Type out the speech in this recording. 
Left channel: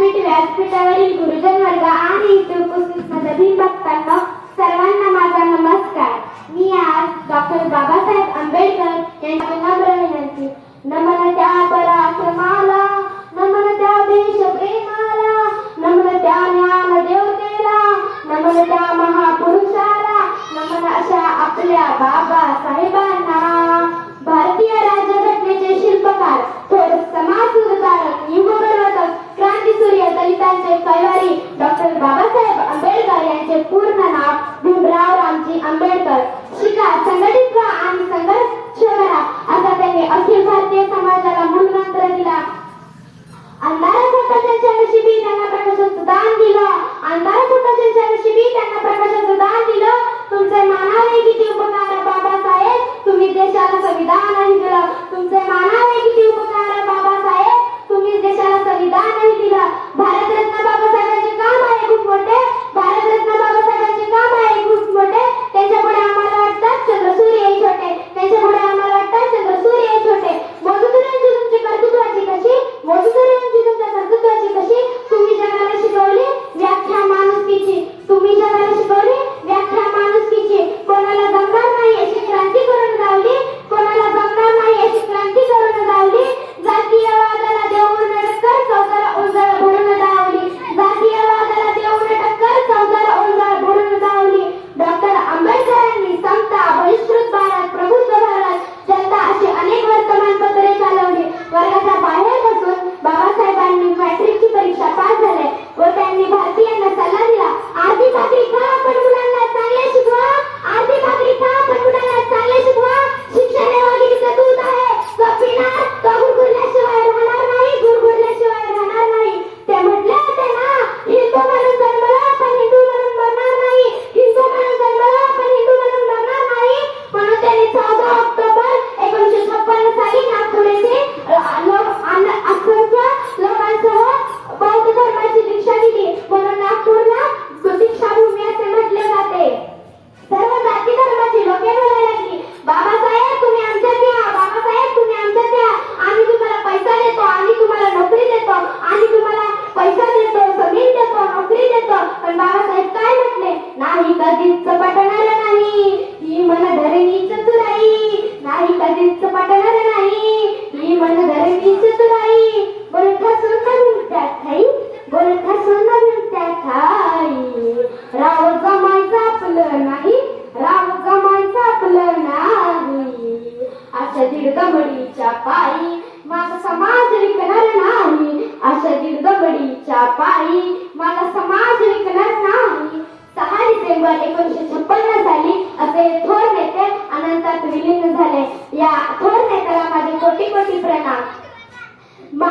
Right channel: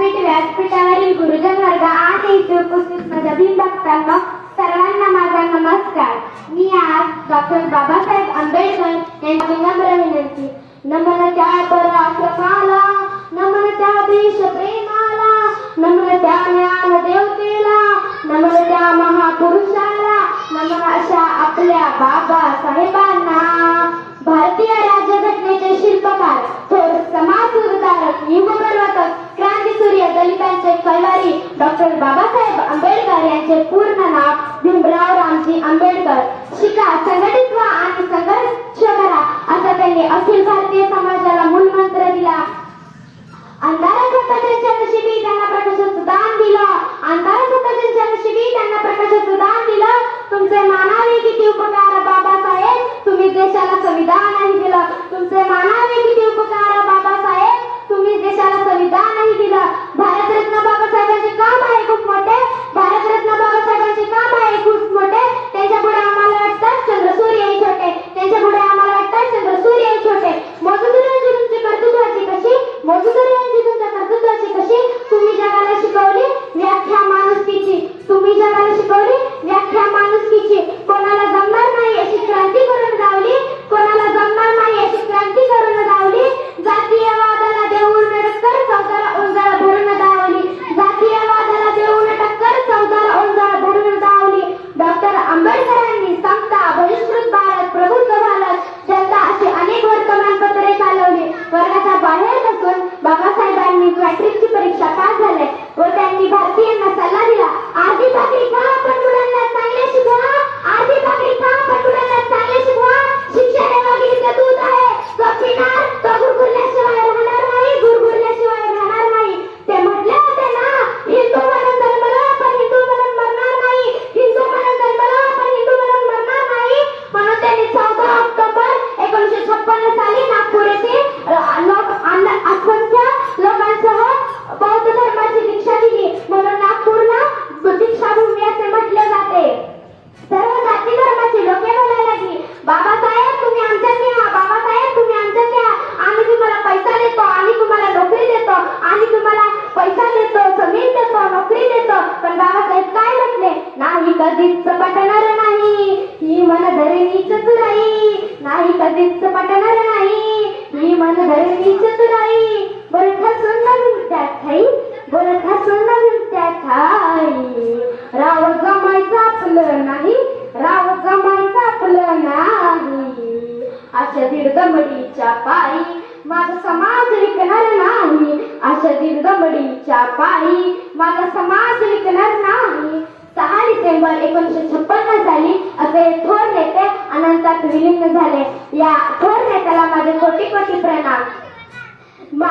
व्यासपीठ व्यासपीठावरील गुरुजन वर्ग आणि उपस्थित भक्तांना सर्वांना माझा नमस्कार. मी आज डॉक्टर बाबासाहेब आंबेडकर यांची नम्र विनंती. नमन त्या पराक्रमाला नमन त्या देश प्रेमाला नमन त्या ज्ञान देवतेला नमन त्या महापुरुषाला नमन अशा आपल्या बाबा साहेबांना यांचे पूर्ण नाव भीमराव रामजी आंबेडकर. वर्गाच्या बाहेर धरणीच पटणार नाही. मी मन धरणीच नाही. बोलखा सुंदर त्या ठाई बोलखा सुंदर त्या ठाई राव जमायचं आपलं नाही राव जमायचं आपलं नाही. अशा दीर्घमडीच्या पायी माझा समाज विकणार नाही. अशा दीर्घमडीच्या पायी माझा समाज विकणार नाही. सहा डिसेंबर एकोणीसशे छप्पन्न साली असे थोर नेते अनंतात विलीन झाले. या थोर नेत्याला माझे कोटी कोटी प्रणाम. मा